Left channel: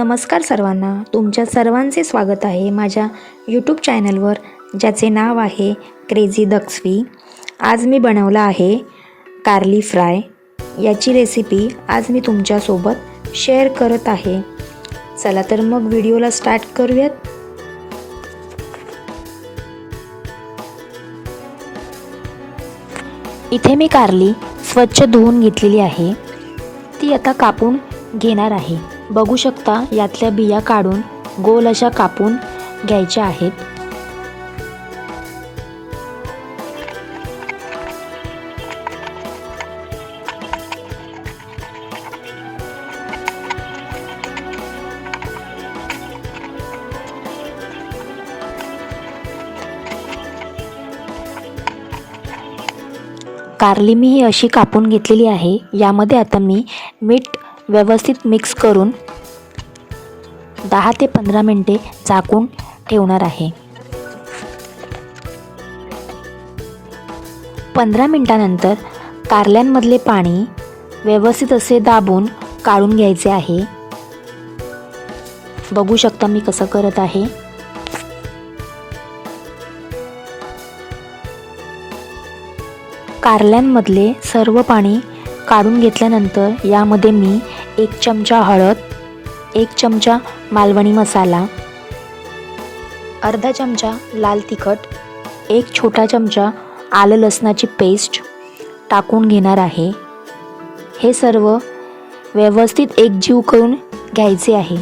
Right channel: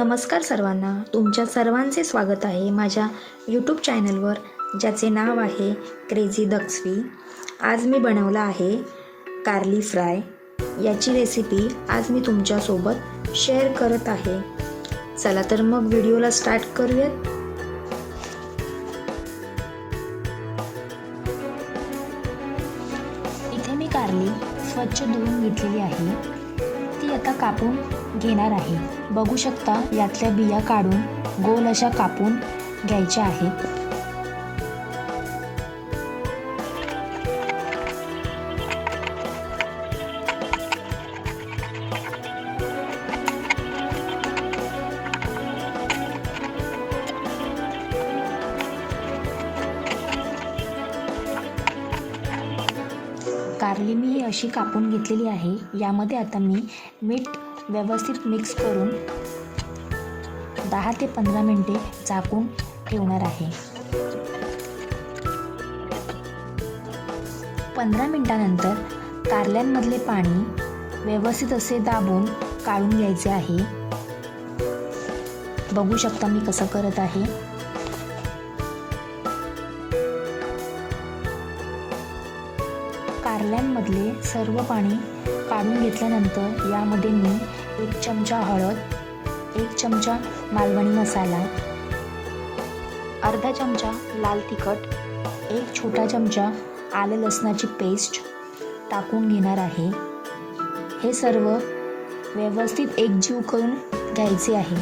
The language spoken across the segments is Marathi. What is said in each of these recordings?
नमस्कार सर्वांना. तुमच्या सर्वांचे स्वागत आहे माझ्या यूट्यूब चॅनलवर ज्याचे नाव आहे क्रेझी दक्सवी आज मी बनवला आहे कारली फ्राय याची रेसिपी आज मी तुमच्यासोबत शेअर करत आहे. चला तर मग व्हिडिओला स्टार्ट करूयात. इथे मी कारली स्वच्छ धुवून घेतलेली आहे. ती आता कापून घेणार आहे. बघू शकता यातल्या बिया काढून गोल अशा कापून घ्यायच्या आहेत. कारली मी ही अशी कापून घेतलेली आहे यामध्ये आता मी मीठ व्यवस्थित मिक्स करून दहा ते पंधरा मिनटे झाकून ठेवणार आहे. पंधरा मिनटानंतर कारल्यांमधले पाणी व्यवस्थित असे दाबून काढून घ्यायचे आहे. बघू शकता मी कसं करत आहे. कारल्यांमधले सर्व पाणी काढून घेतल्यानंतर यामध्ये मी एक चमचा हळद एक चमचा मालवणी मसाला अर्धा चमचा लाल तिखट एक छोटा चमचा आलं लसणाची पेस्ट टाकून घेणार आहे. हे सर्व व्यवस्थित एकजीव करून घ्यायचे आहे.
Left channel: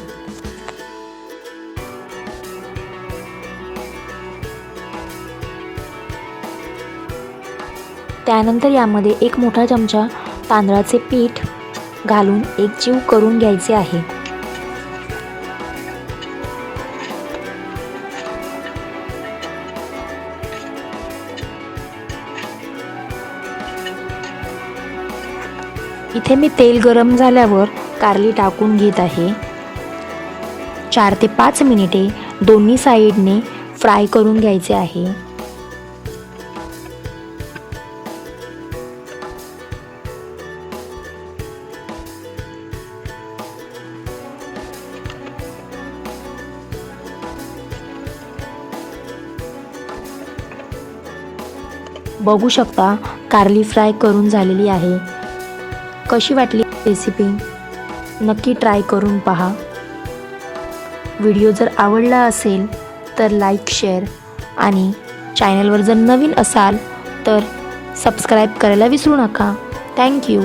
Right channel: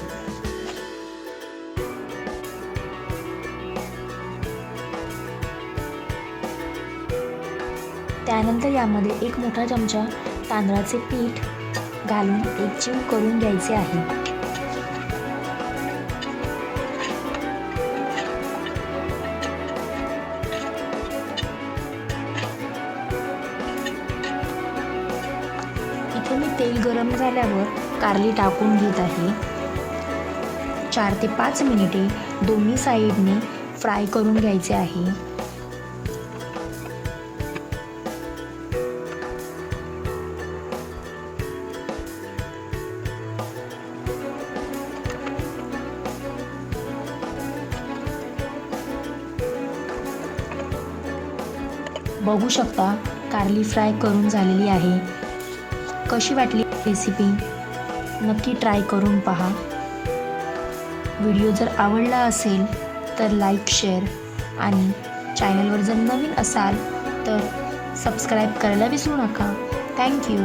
त्यानंतर यामध्ये एक मोठा चमचा तांदळाचे पीठ घालून एकजीव करून घ्यायचे आहे. इथे मी तेल गरम झाल्यावर कारली टाकून घेत आहे. चार ते पाच मिनिटे दोन्ही साईडने फ्राय करून घ्यायचे आहे. बघू शकता कारली फ्राय करून झालेली आहे. कशी वाटली रेसिपी नक्की ट्राय करून पहा. व्हिडिओ जर आवडला असेल तर लाईक शेअर आणि चॅनलवर जर नवीन असाल तर सबस्क्राईब करायला विसरू नका. थँक्यू